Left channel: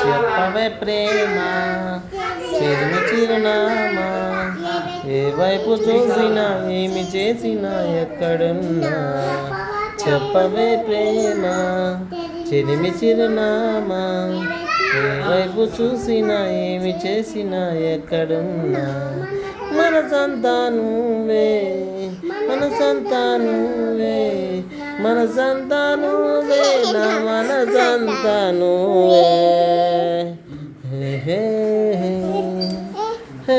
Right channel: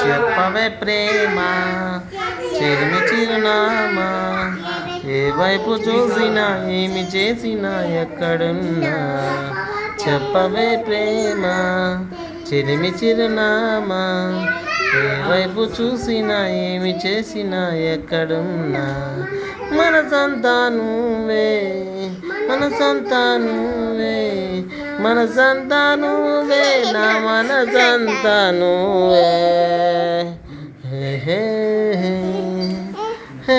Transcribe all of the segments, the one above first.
చెప్పవే ప్రేమ చెలిమి చిరునామా ఏ వైపు చూసినా ఏమి చేసినా ఎక్కడున్నా చెప్పవే ప్రేమ చెలిమి చిరునామా ఏ వైపు చూసినా ఏమి చేసినా ఎక్కడున్నా మనసంతా నువ్వే మనసంతా నువ్వే మనసంతా నువ్వే నా మనసంతా నువ్వే హే హే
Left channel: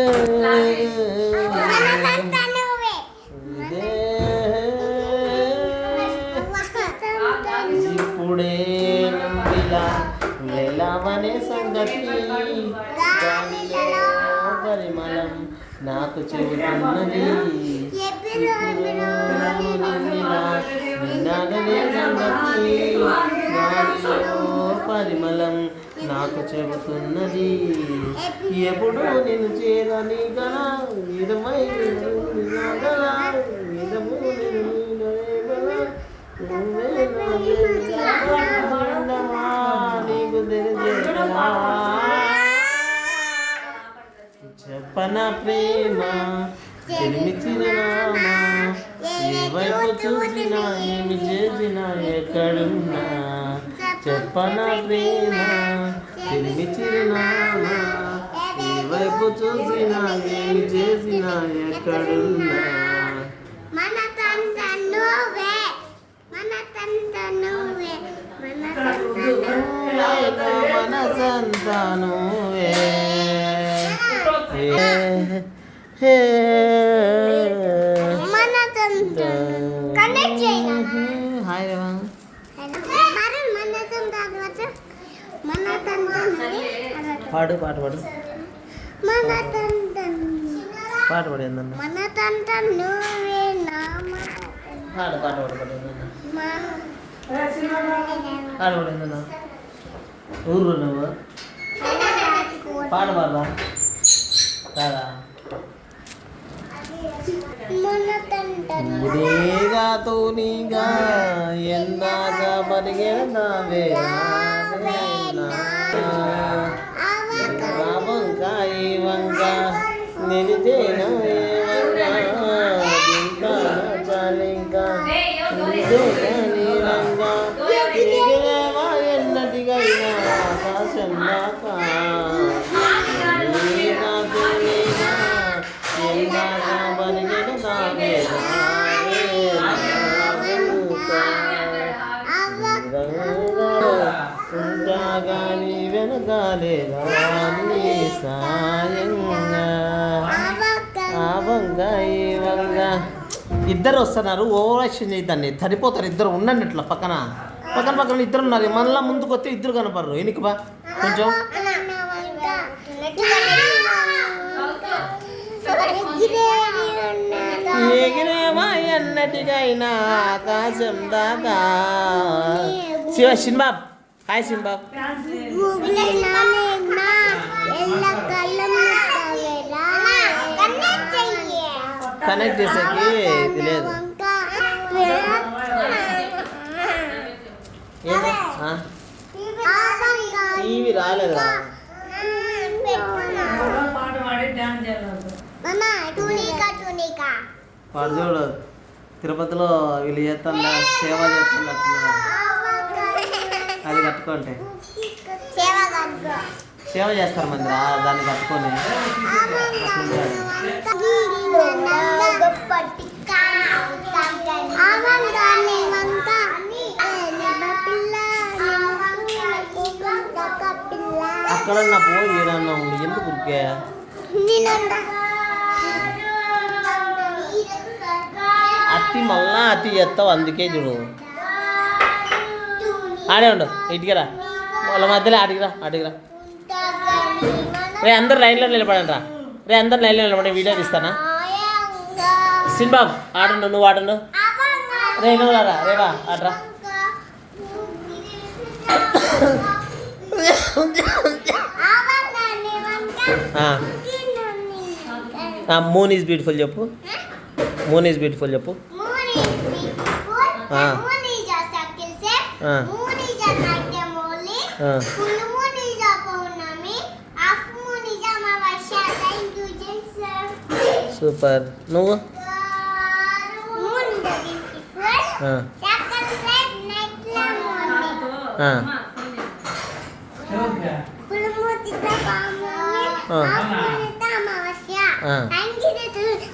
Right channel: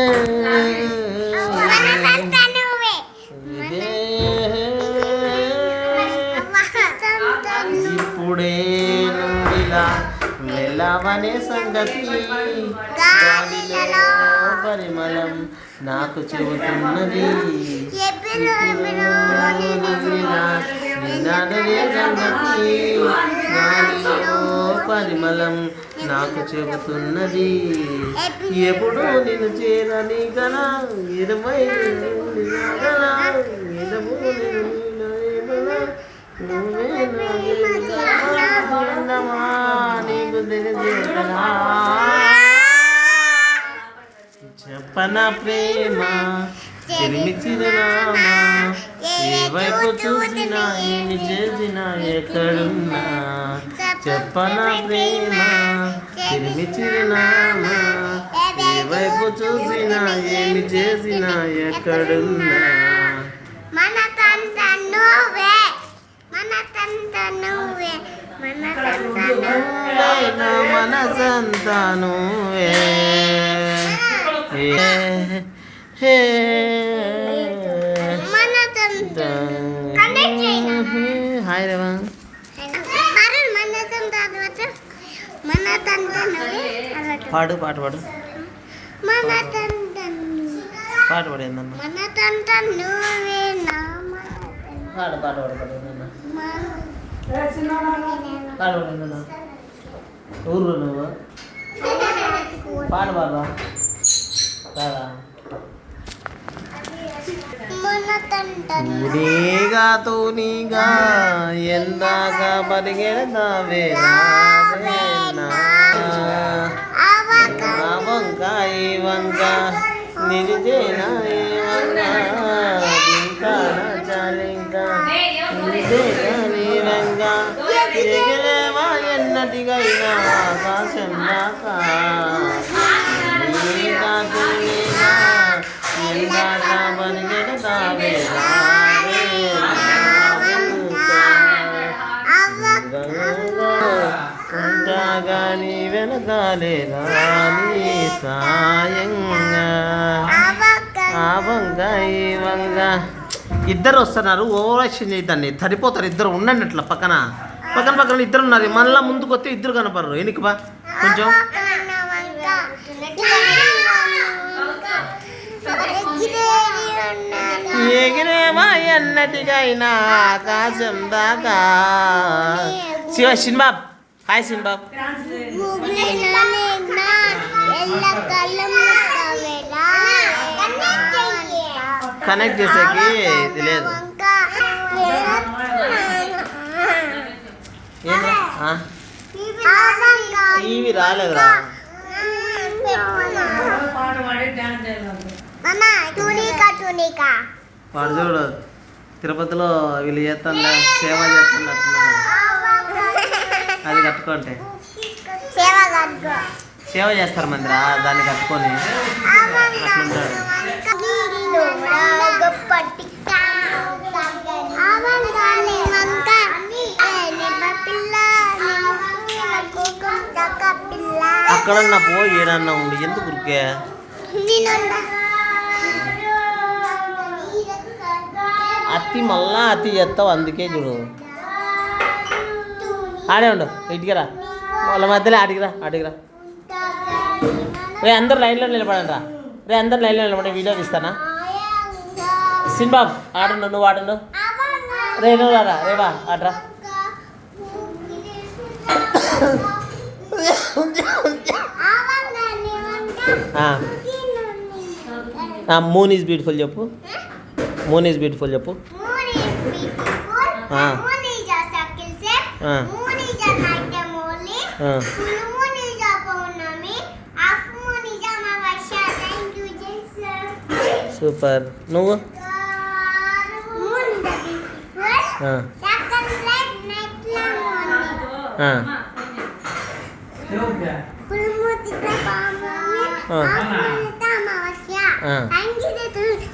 ఇప్పుడే ఇలా వెళ్ళవనే సంగతి పరిమళం నాకు చెబుతున్నది పరిమళం నాకు చెబుతున్నది ఎప్పుడు నేను చేరని గల ఇరవై చెప్పన ప్రేమ చెలిమి చిరునామా ఏ వైపు చూసినా ఏమి చేసినా ఎక్కడున్నా చెప్పన ప్రేమ చెలిమి చిరునామా ఏ వైపు చూసినా ఏమి చేసినా ఎక్కడున్నా మనసంతా నువ్వే హాయ్ రేవా పాడు పాట పాడు పాట పాడు ఏందమ్మా పాడు పాట పాడు పాడు పాడు పాడు ఏందన్నా ఊరు నువ్వు పాట పాడదా కాదా తూనీగా తూనీగా ఎందాక పరిగెడతావే వంక ఈ వంక నిలిదేనా ఏ వంక ఇంకా చాలింకా నిలిదేనా నీ వంక ఎగిరేవా ఎన్నటికైనా ఆకాశం దాకా తూనీగా తూనీగా ఎందాక పరిగెడతావే ఉంటాగాని వెనకాలే రాని సాయంగా ఆ వంగ ఈ వంగ ఇద్దరు వస్తున్నారు ఓవరాక్షన్ చేయదాన్ని సరిపోతారు ఇద్దరు ఉండండి అట్లా పక్కన పక్కన పక్కన ఇద్దరు ఉన్నారు మళ్ళీ ముందుకు వస్తే ఇద్దరు కనపడరు వెనక్కి బా కొంచెం ఎగిరేవా ఎన్నటికైనా ఆకాశం దాకా శివ సిన్బాబ్ హాయ్ సిన్బాబ్ కనెక్ట్ చేసేకి ఇది లేదు టీవీ రాలేదురా వాడు చూడు తిరుపతిలో వీళ్ళు చేస్తుండే సేవ చేస్తుండే అది కట్టుకుంటే సేవ చేస్తారు మందిరా దాన్ని కట్టుకొని అట్లుంటాడు ఎక్కడన్నా పో ఏడన్నా ఉండి ఎందుకు ఉరికే అత్తి మళ్ళా అత్తి చేస్తావు అందుకే చూడు ఆడే ఉండు ఇటుకరా వాళ్ళ మధ్యలో అడిగిరా రే అందరు లైన్లో నిలబడండి రా రే అందరు లైన్లో నిలబడి వీడియో తీస్తానా సినిబాబు ఆడండు నువ్వు ఆడండు రే నువ్వు రా రేవా ఆడరా మూన్ ఈజ్ బ్యూటిఫుల్ చెప్పు మూన్ ఈజ్ బ్యూటిఫుల్ చెప్పు సూపర్ నువ్వు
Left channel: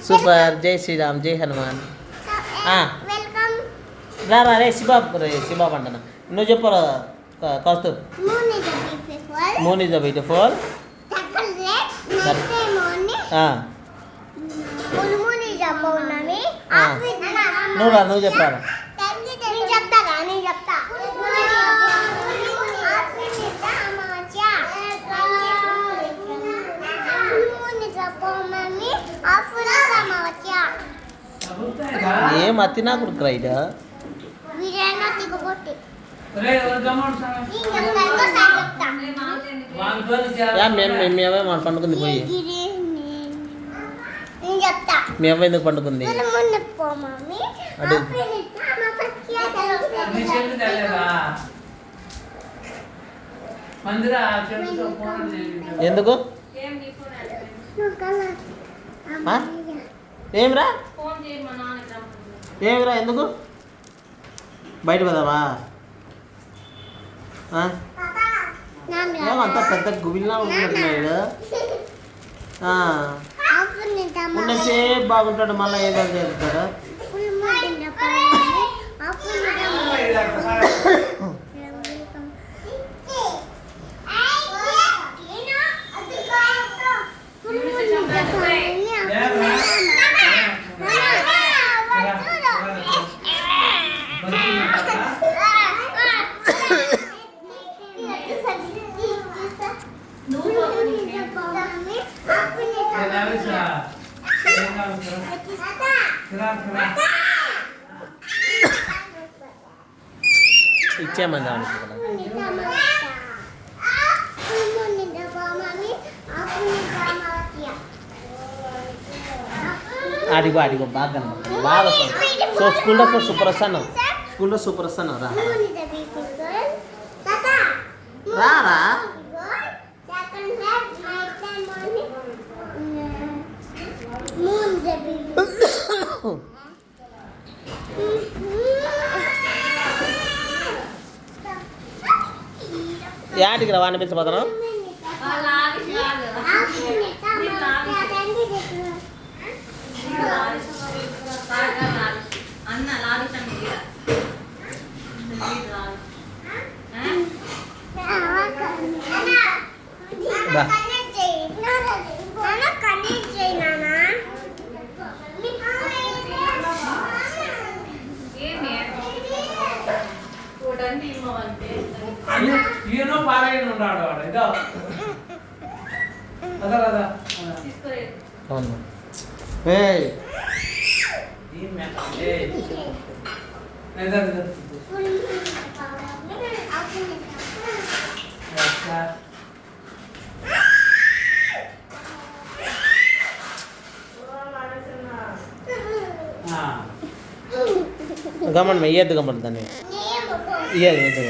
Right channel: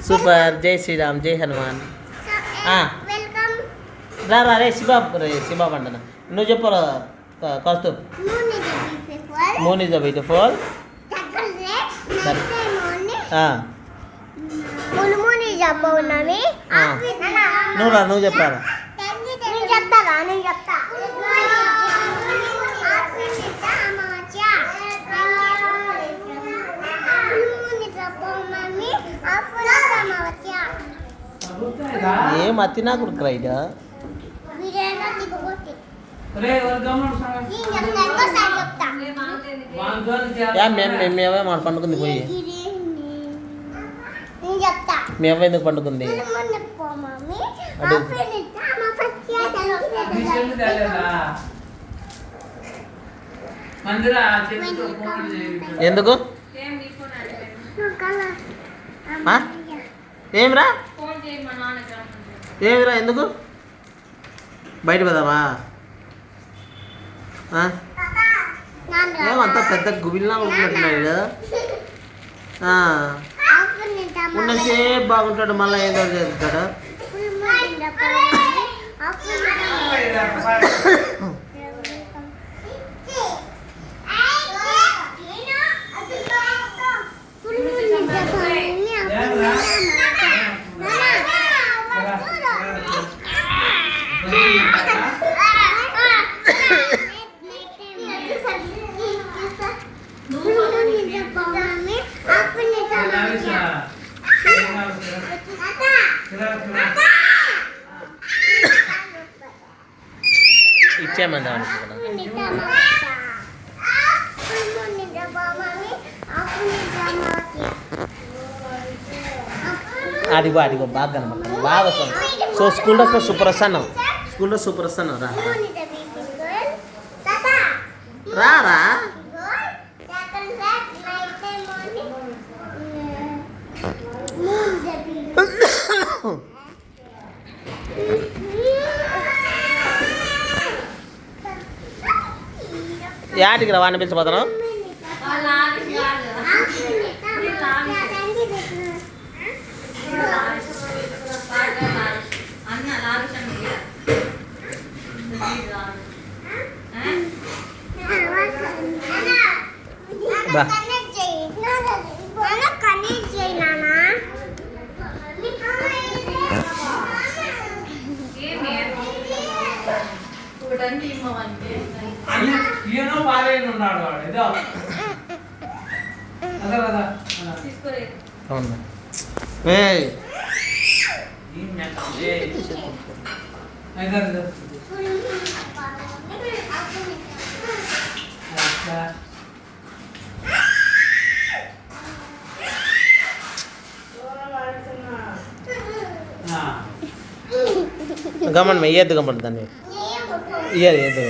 సూపర్ జై శ్రీరామ్ జై హనుమాన్ రా రే శిబాబు అంటనా నువ్వు చెప్పు కౌస్తుబ్ మూన్ ఈజ్ బ్యూటిఫుల్ నువ్వు చెప్పారా ఏం అతి నాకు రైట్ మేమే మన పండుకుంది పోయి మీ అవ్వ ఎందుకు పండుకుంది అడుగు ఎందుకు ఏమిరా ఎందుకు బయట పోదామా ఏమంతా పెద్ద గుబిల్లా ఉంటున్నాడు ఉన్నసేపు బాగుంటాడు మళ్ళీ ఏదో చేస్తాడు ఇచ్చేయమంది అడిగో బాగా కనబడుతుంది బాగా వస్తాను సో స్కూల్ డ్రెస్లో సూపర్ వస్తాను రా రా యాటికి రా వాడిని పిలిచిపోతాను గమన్ ఏది గమన్ దాన్ని ఏది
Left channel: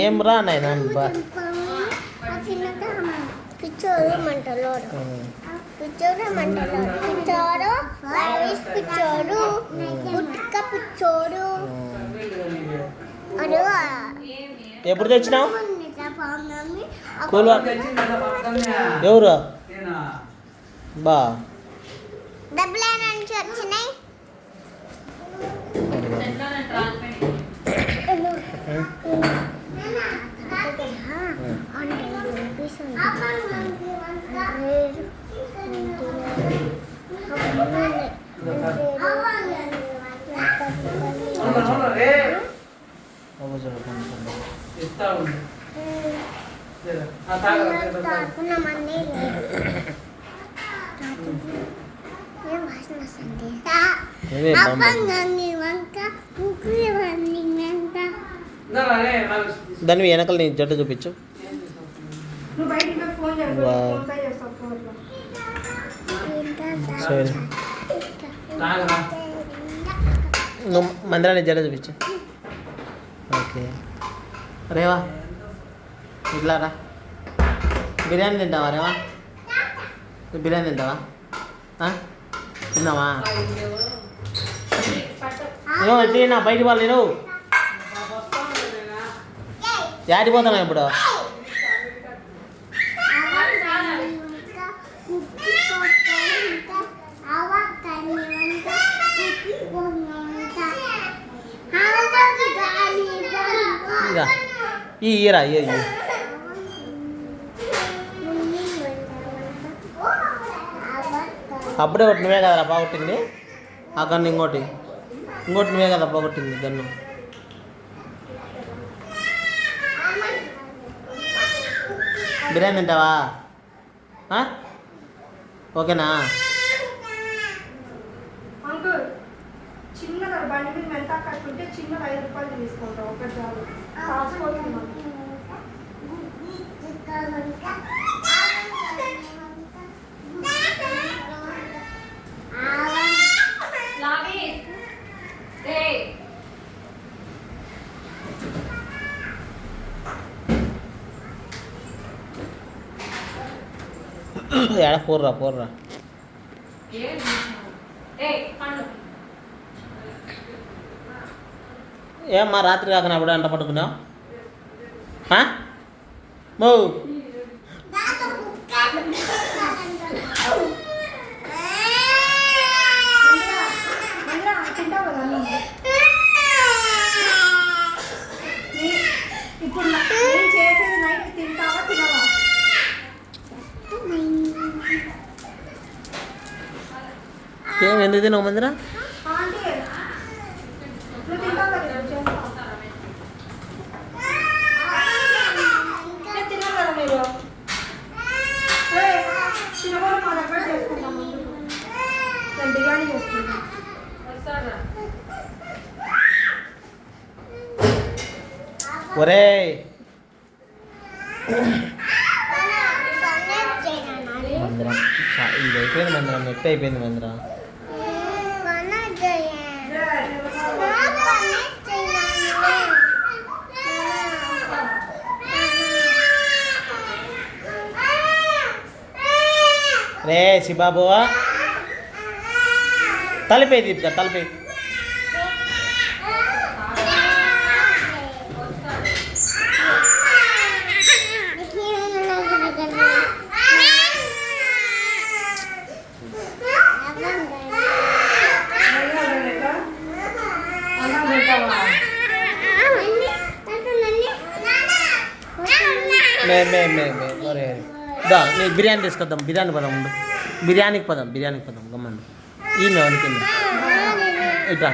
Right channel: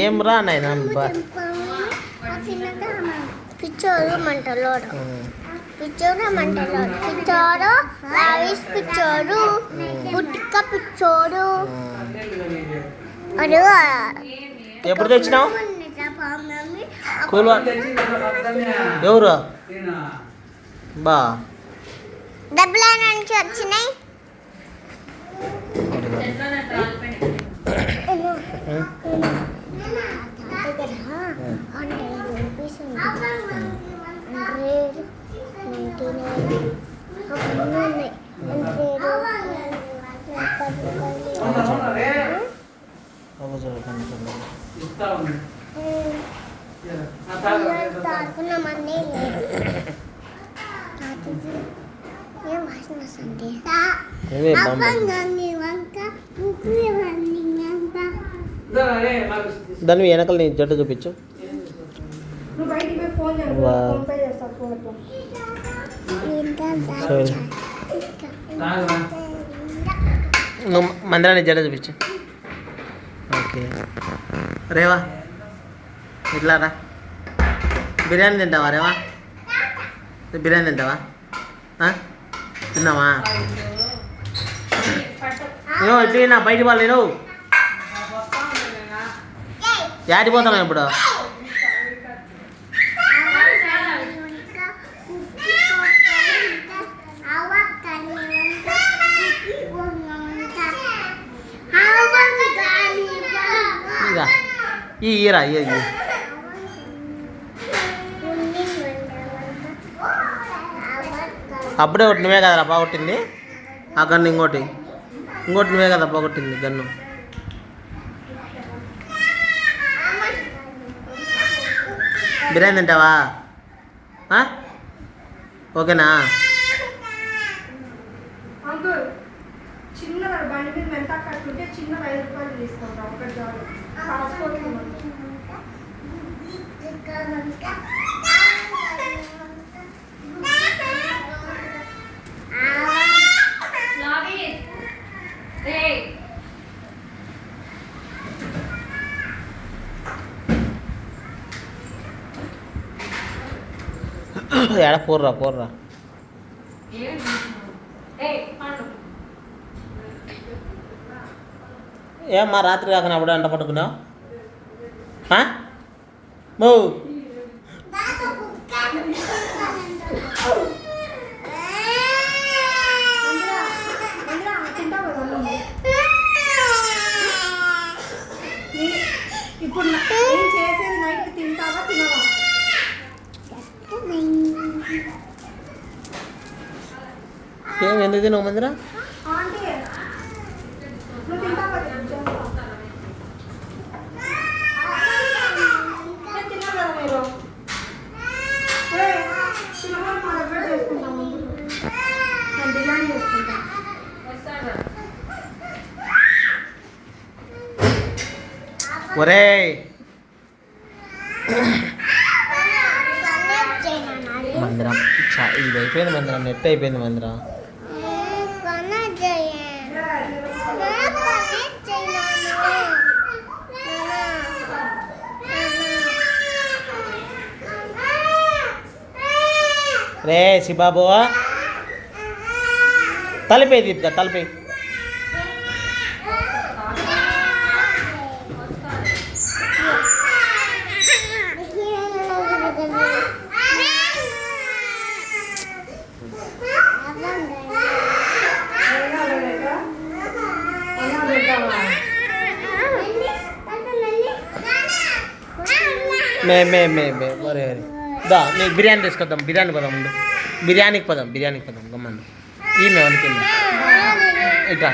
ఏం రా నాయనా పిచ్చోడు మంటలోడు పిచ్చోడు మంటలోడు పిచ్చోడు రావిష్ పిచ్చోడు పుట్టుక పిచ్చోడు ఎప్పుడు తెచ్చినావు కూల్ ఎవరు బా డబ్బుల నుంచి వచ్చినాయి దాని వెనకాల నీ జట్టు చూపించు సరే నువ్వు మందిరాన్ని జట్టు చూపించు ఓకే రేవా ఇట్లా రా బిర్యానీ తింటావా రేవా బిర్యానీ తింటావా తిన్నావా నేను ఎట్లా బయట వాళ్ళు నేను యాడిపోతాను ఇప్పుడు ఈరా అప్పుడే ఒకటి నువ్వే కదరా పోగొట్టింది ఆ గన్ను ఇంకోటి నువ్వే కదా పోగొట్టింది గన్ను బిర్యానీ తింటావా ఓకేనా చిన్న బండి మీద మెంతా కట్టుంటే చిన్న 5 రూపాయలు తీసుకుంటాం ఒకటి చాలు ఎడ పోర్రా ఏమ్మా రాత్రి కాకనా అప్పుడు అంట పట్టుకున్నావు మో ఇప్పుడు నేను చేసేది నైట్ తింటావా తినవా ఏం ఎందుకు తిన్నావు మందిరా బిర్యానీ చేసుకుంటాం ఒరే మందిరం ఇది అయిపోయింది మందిరం నెట్ అయిపోయింది మందిరం రే శిబాబు తలిపే దీపిక తలిపే మే దా నీకు బిర్యానీ తీసుకొద్దాం బిర్యానీ పదం ఉండు బిర్యానీకి పదం గమ్మండు ఈ మేవానికి వెళ్ళి ఇట్రా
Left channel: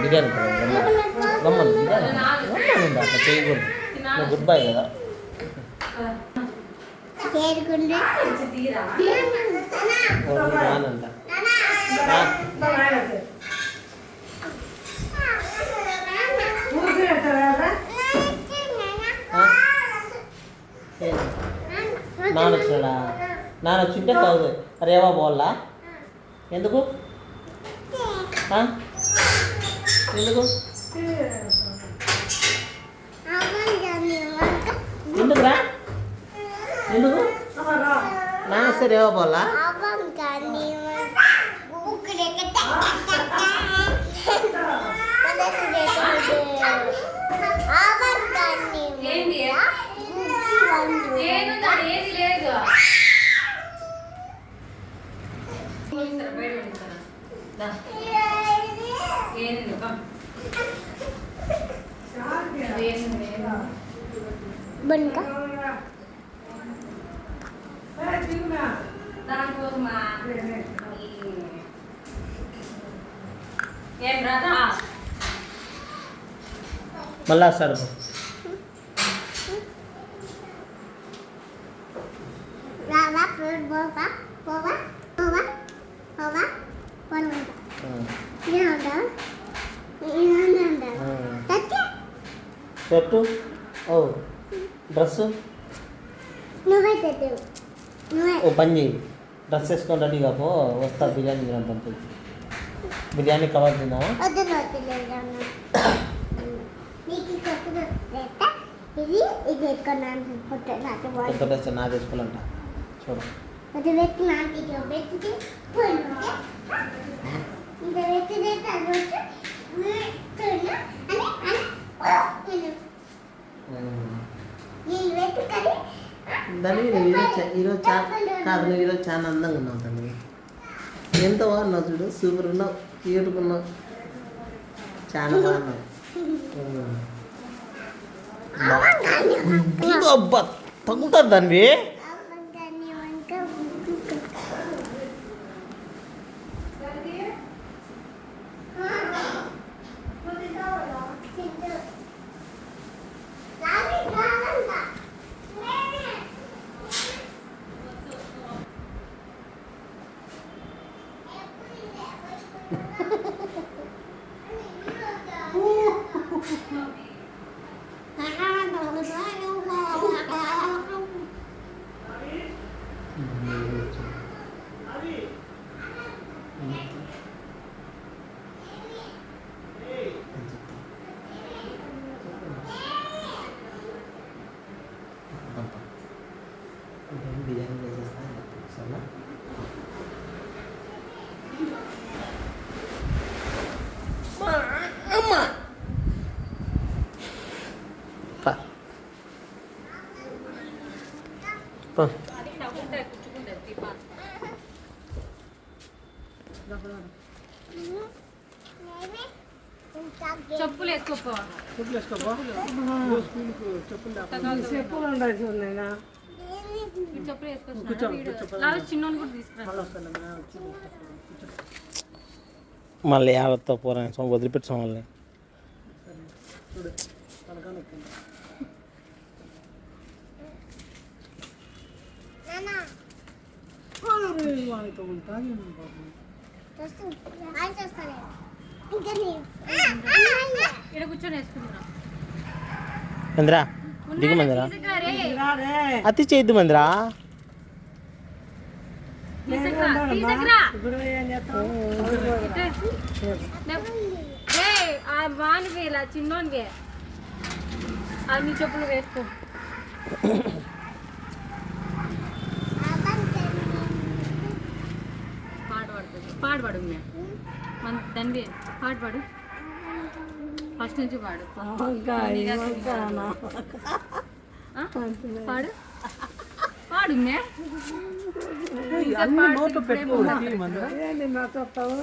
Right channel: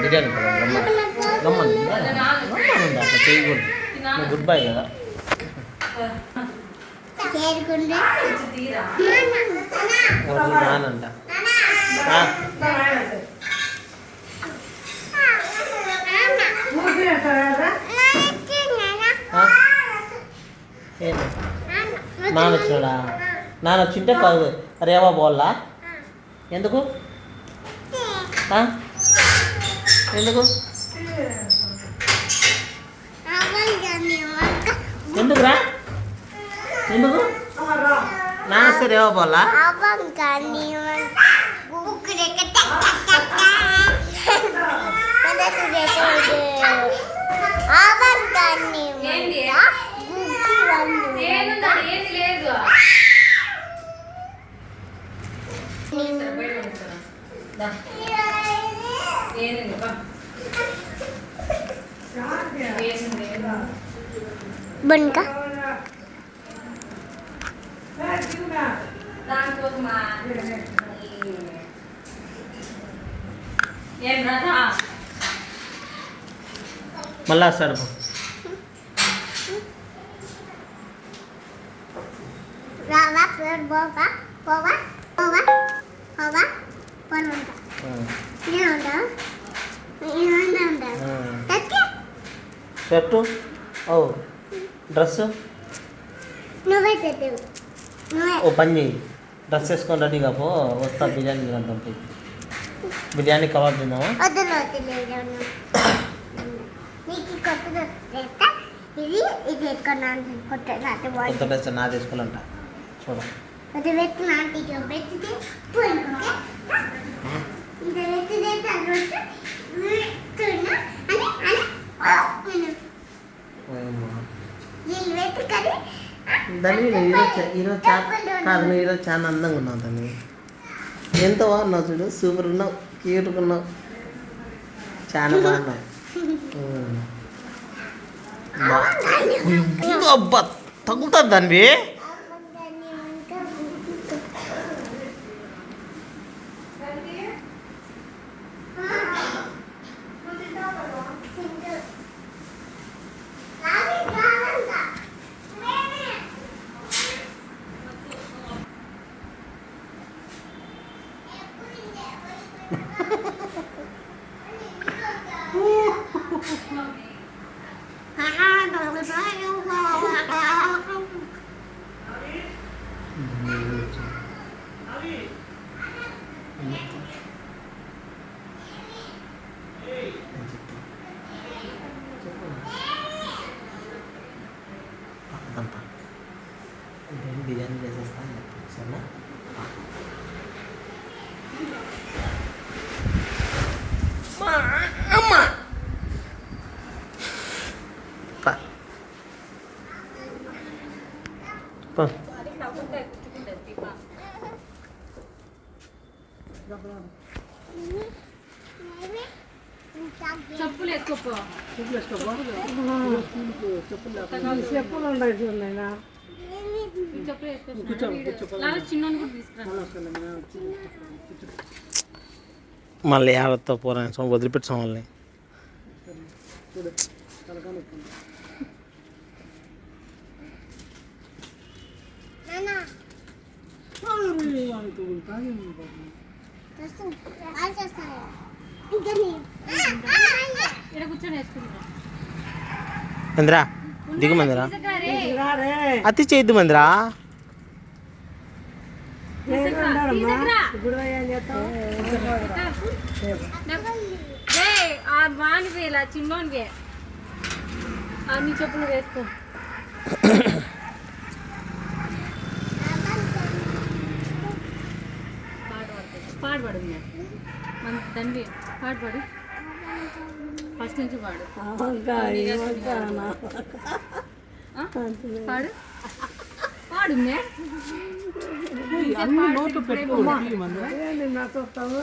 బిర్యానీ పదం గమ్మను బిర్యానీ అట్లా చేయకూడదు నువ్వు గుడ్ బై కదా రానంట ఏంది? నాన్న వచ్చినాడా? నాన్న వచ్చింటే కాదు రేవా పోవాలా? ఎందుకు ఆ? ఎందుకు ఎందుకురా ఎందుకు నాన్న వస్తే రేవా పోవాలా? बनका మళ్ళా వస్తాడు పో. रावा फिर बोगा बोगा बोगा बोगा कौन होता ఆ, ये होता ఆ. तत्ते షర్టు ఓ డ్రెస్ నువ్వే తెచ్చు నువ్వే ఓ పని చేయి డ్రెస్ వేసుకొని రెడీగా పో వస్తా బిర్యానీ తిందాం పోయి బిర్యానీ కబాబ్ తిందామా వద్దులు వద్దులేను నీకు కొత్తది తెస్తా ఇది ఇది ఎత్తుకున్నాను కొత్త నాటి కొత్త డ్రెస్ నా తీసుకోవాలంట చూడు అది వెక్కి నాటికి వెక్కితే పోయిన ఓకే ఇది వెక్కితే తర్వాత వెక్కునా అని ఈ వెక్కడి దాన్ని ఈరోజు కాదు నువ్వు ఈరోజు చాలా అందంగా ఉన్నావు దాన్ని ఎంత బాగున్నావు చూడు సూపర్ ఉన్నావు క్యూట్గా ఉన్నావు చాలా బాగున్నావు అబ్బా తగ్గుతుంది దాన్ని బిర్యానీ చేసేస్తా సరేనా అమ్మా చెప్పులు వేసుకోపో చెప్పులు ఉన్నాయి చూడలేనా చెప్పులు వేసుకో చిన్న కూడా తీసుకురా మళ్ళీ ఆడతో పోరాని వదిలిపెట్టాం వాళ్ళని ఇక్కడ కూర్చొని వేసుకుంటున్నా మందిరా దిగు మందిరా అతి చేయద్దు మందిరా వాని వేల చిన్నోనివే అన్ని చెప్పులు వేసుకో పాడు పాడు మన దాన్ని పాడు పాడు ఫస్ట్ నుంచి పాడు పాడు పాడు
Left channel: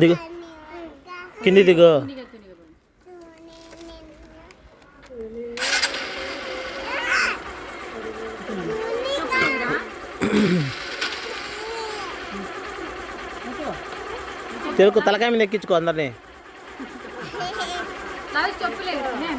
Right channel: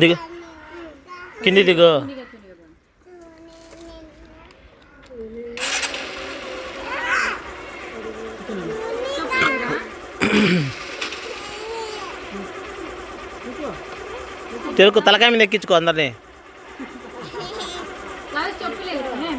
దిగు కింది దిగు తెలుగు తలకాయ మీద ఎక్కించుకో అందరినీ చెప్పులేదు అది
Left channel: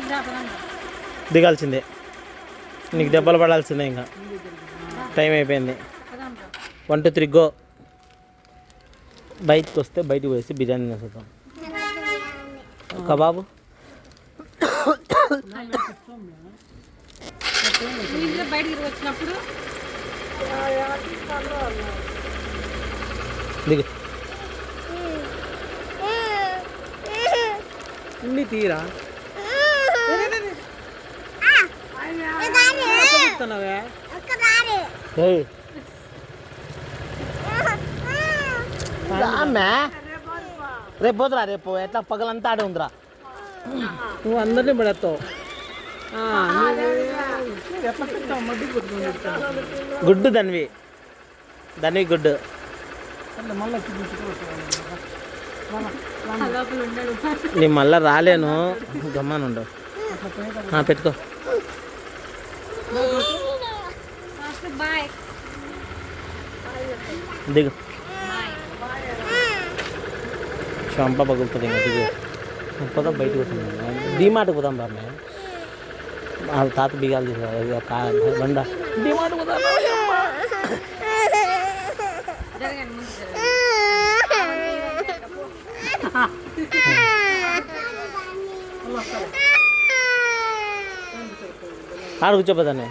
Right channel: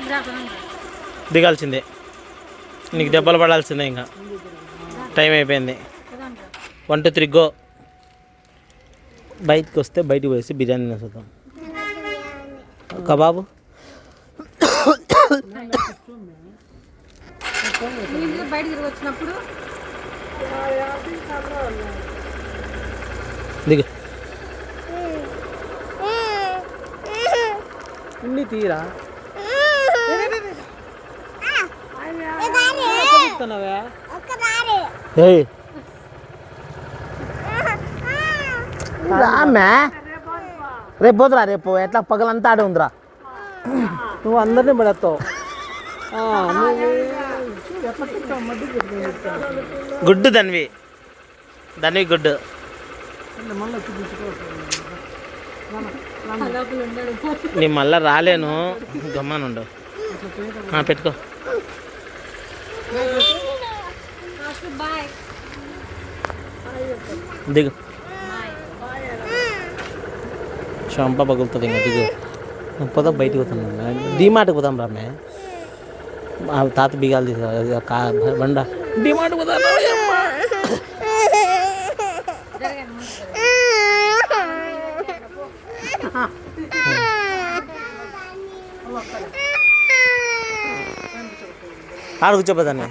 చెప్పలేదు దిగాల్సిందే, నీకు దెబ్బలు పడాల్సిందే. ఇంకా టైం అయిపోయింది. 1 2 3 గో. బయటకు వస్తే బయటికి పోసి బిర్యానీ తినేసేద్దాం. కబాబు ఇంట్లో బయటికి వచ్చినప్పుడు దిగు. ఇన్ని తీరా రేపు పోతురా, రేపు ఎట్లా పగలంతా ఆడే ఉందిరా. నువ్వు అందరినీ పడేస్తావు. గుడ్డు ధన్వి, ధన్వి గుడ్డు. లోపల ఉండడు. నీ మళ్ళా రాలేను, గమ్మానుండు. పెట్టుకో. బాయ్. దిగు. చంప పగులుతుంది. ఇంకా దిగు. పోదాం, బయటకు పోతున్నాం. డీమార్ట్కి పోదాం రామే. తాత బిగాలు తీసుకో బండ. డీమార్ట్ పోదాం. ఆడ కూర్చోపోతాను.